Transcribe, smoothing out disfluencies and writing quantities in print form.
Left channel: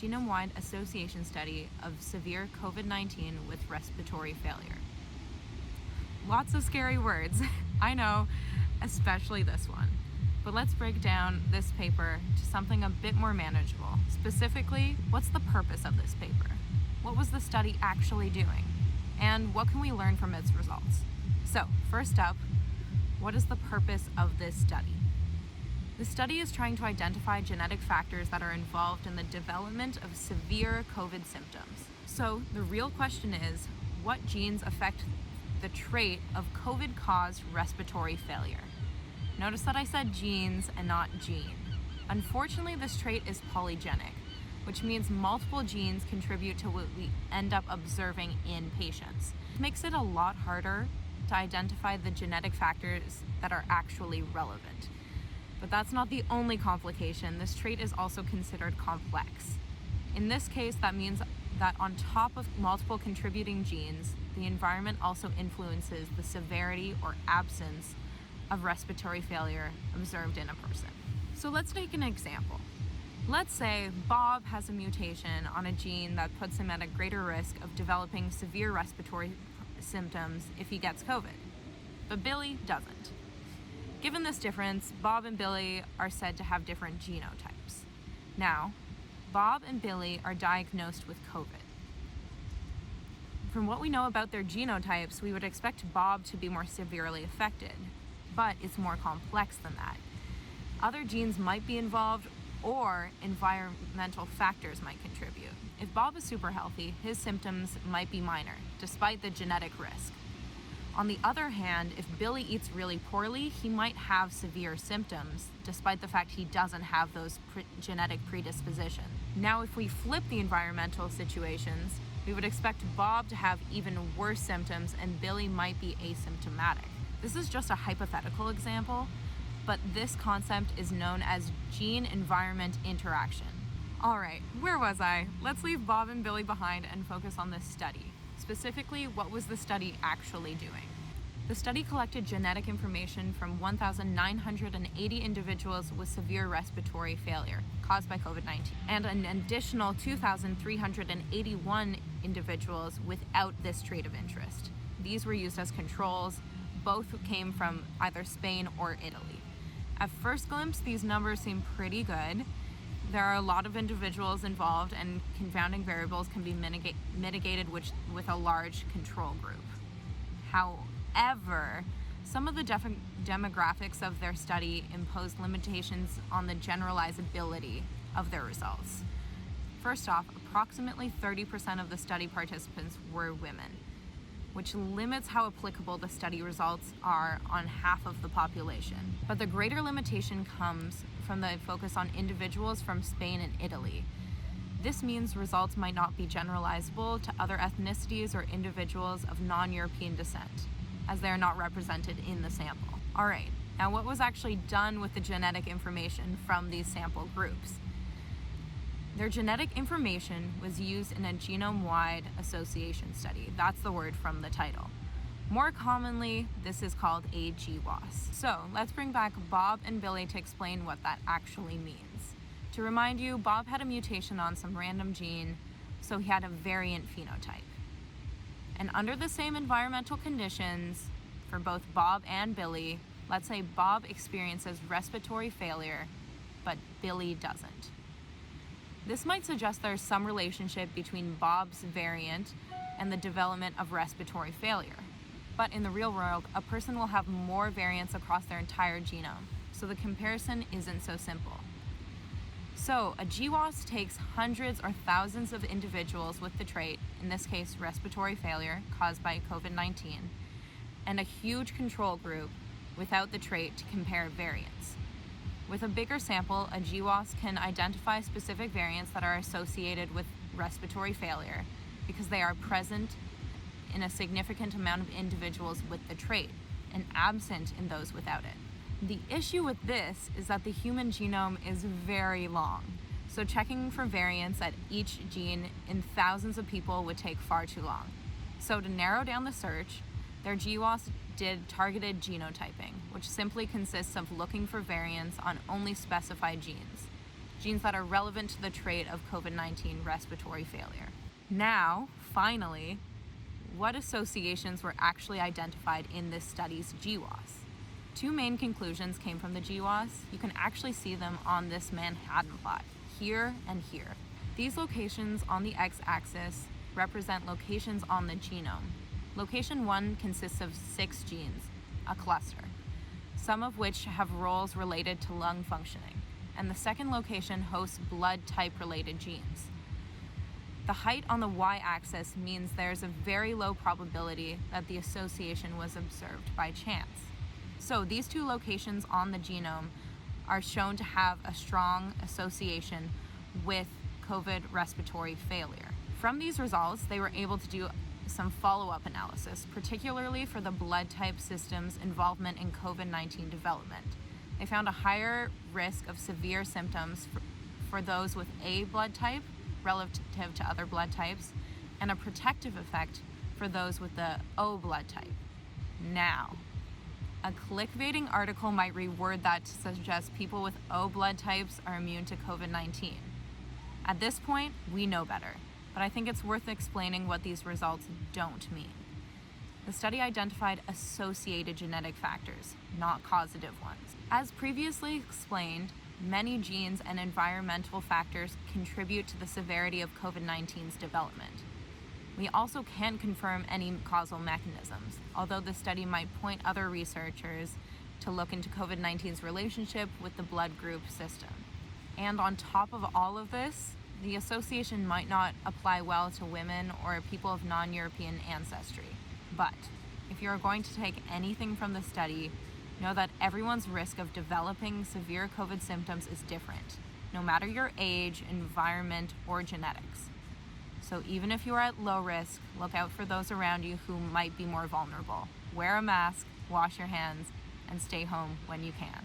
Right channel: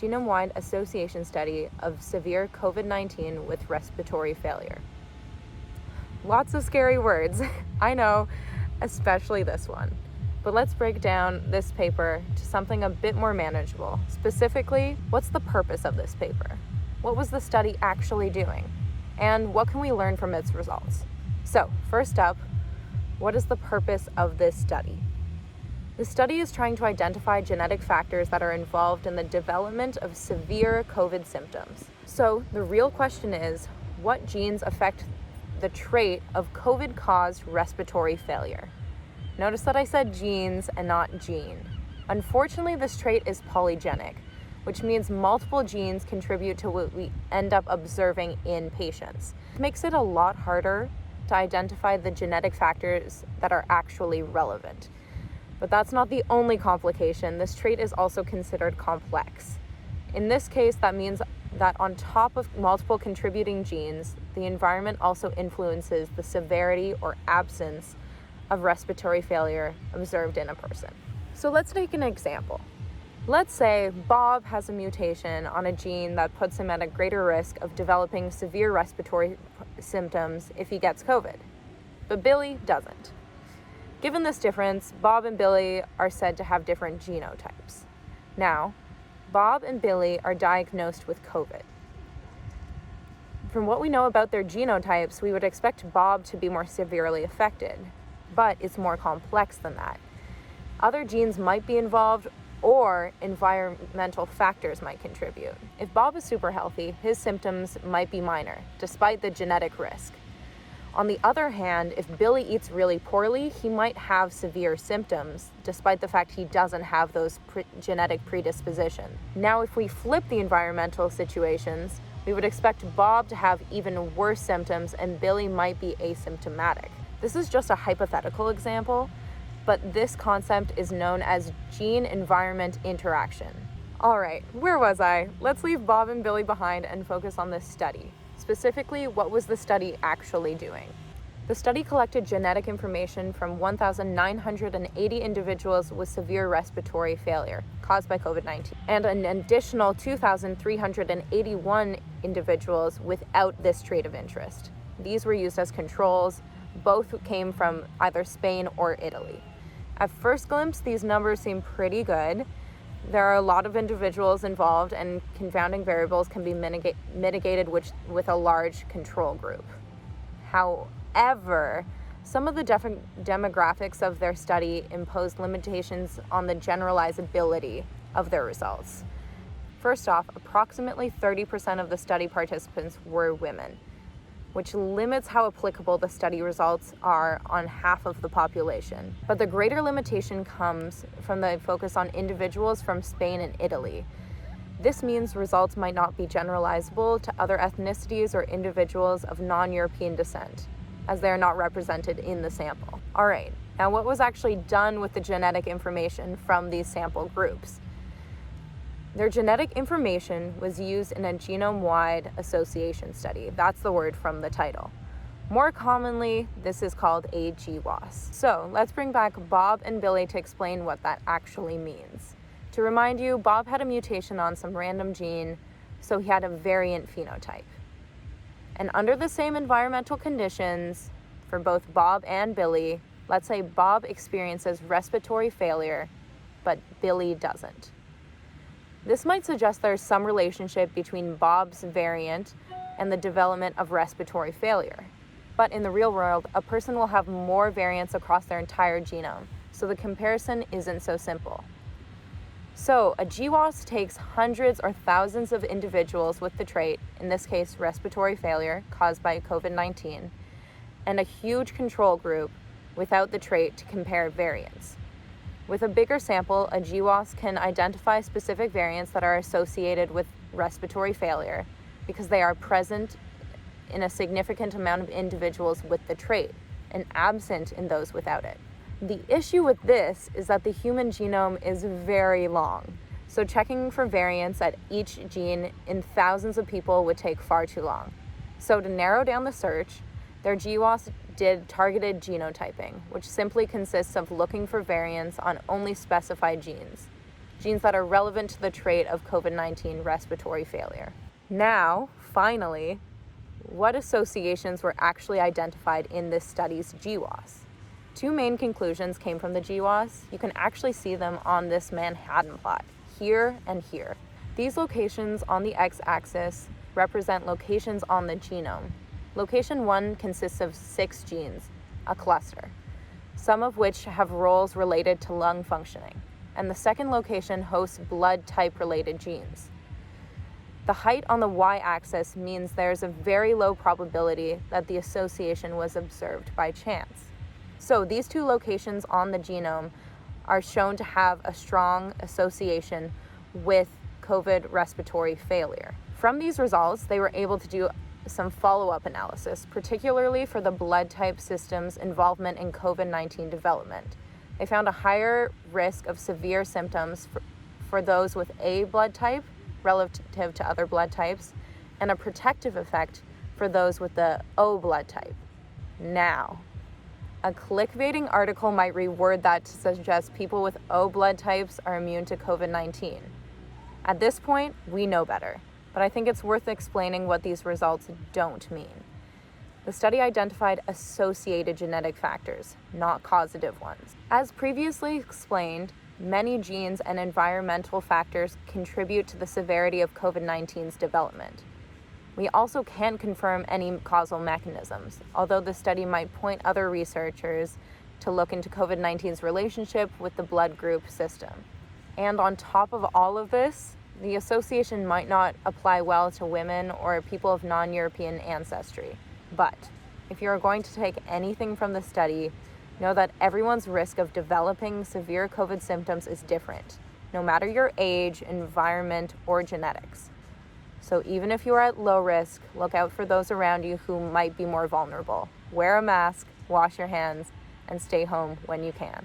genome-wide association study of severe COVID-19 with respiratory failure. Lots of scary words, I know, especially this one. But let's break down this paper to something a bit more manageable. Specifically, what's the purpose of this paper? What was the study actually doing? And what can we learn from its results? So, first up, what is the purpose of this study? The study is trying to identify genetic factors that are involved in the development of severe COVID symptoms. So, the real question is, what genes affect the trait of COVID-caused respiratory failure? Notice that I said genes and not gene. Unfortunately, this trait is polygenic, which means multiple genes contribute to what we end up observing in patients. It makes it a lot harder to identify the genetic factors that are actually relevant. But that's not the only complication. This trait is also considered complex. In this case, that means that on top of multiple contributing genes, the environment also influences the severity or absence of respiratory failure observed in a person. So let's take an example. Let's say Bob has a mutation on a gene that puts him at a greater risk of developing severe respiratory symptoms if he gets COVID, but Billy doesn't. Given this difference, Bob and Billy are said to have different genotypes. Now, Bob and Billy are diagnosed with COVID. From what we know about their genotypes, we would expect Bob to be more severely affected, but it's more complex than that. Other genes might be involved, or environmental factors might contribute. If Bob is super healthy, his symptoms might be minor, despite the genetic risk. On the other hand, if Billy eats really poorly, he might have severe symptoms, despite the fact he doesn't have those genetic predispositions. Now, if we flip the environmental situations, we would expect Bob to have even worse symptoms and Billy might be asymptomatic. This is just a hypothetical example, but this concept is known as gene-environment interaction. All right, where was I? Let's leave Bob and Billy behind and focus on this study. Specifically, what was the study actually doing? The study collected genetic information from 1,980 individuals with severe respiratory failure caused by COVID-19 and an additional 2,381 individuals without this trait of interest. These were used as controls. Both came from either Spain or Italy. At first glimpse, these numbers seem pretty good. There are a lot of individuals involved, and confounding variables can be mitigated with a large control group. However, some of the demographics of their study imposed limitations on the generalizability of their results. First off, approximately 30% of the study participants were women, which limits how applicable the study results are on half of the population. But the greater limitation comes from the focus on individuals from Spain and Italy. This means results might not be generalizable to other ethnicities or individuals of non-European descent, as they are not represented in the sample. All right, now what was actually done with the genetic information from these sample groups? Their genetic information was used in a genome-wide association study. That's the word from the title. More commonly, this is called a GWAS. So let's bring back Bob and Billy to explain what that actually means. To remind you, Bob had a mutation on some random gene, so he had a variant phenotype. And under the same environmental conditions, for both Bob and Billy, let's say Bob experiences respiratory failure, but Billy doesn't. This might suggest there's some relationship between Bob's variant and the development of respiratory failure. But in the real world, a person will have more variants across their entire genome, so the comparison isn't so simple. So a GWAS takes hundreds or thousands of individuals with the trait, in this case respiratory failure caused by COVID-19, and a huge control group without the trait to compare variants. With a bigger sample, a GWAS can identify specific variants that are associated with respiratory failure because they are present in a significant amount of individuals with the trait and absent in those without it. The issue with this is that the human genome is very long, so checking for variants at each gene in thousands of people would take far too long. So to narrow down the search, their GWAS did targeted genotyping, which simply consists of looking for variants on only specified genes. genes that are relevant to the trait of COVID-19 respiratory failure. Now, finally, what associations were actually identified in this study's GWAS? Two main conclusions came from the GWAS. You can actually see them on this Manhattan plot, here and here. These locations on the x-axis represent locations on the genome. Location 1 consists of 6 genes, a cluster, some of which have roles related to lung functioning, and the second location hosts blood type related genes. The height on the y-axis means there's a very low probability that the association was observed by chance. So these two locations on the genome are shown to have a strong association with COVID respiratory failure. From these results, they were able to do some follow-up analysis, particularly for the blood type system's involvement in COVID-19 development. They found a higher risk of severe symptoms for those with A blood type relative to other blood types, and a protective effect for those with the O blood type. Now, a clickbaiting article might reword that to suggest people with O blood types are immune to COVID-19. At this point, we know better, but I think it's worth explaining what these results don't mean. The study identified associated genetic factors, not causative ones. As previously explained, many genes and environmental factors contribute to the severity of COVID-19's development. We also can't confirm any causal mechanisms, although the study might point other researchers to look into COVID-19's relationship with the blood group system. And on top of all of this, the association might not apply well to women or people of non-European ancestry. But if you are going to take anything from the study, know that everyone's risk of developing severe COVID symptoms is different, no matter your age, environment, or genetics. So even if you are at low risk, look out for those around you who might be more vulnerable. Wear a mask, wash your hands, and stay home when you can.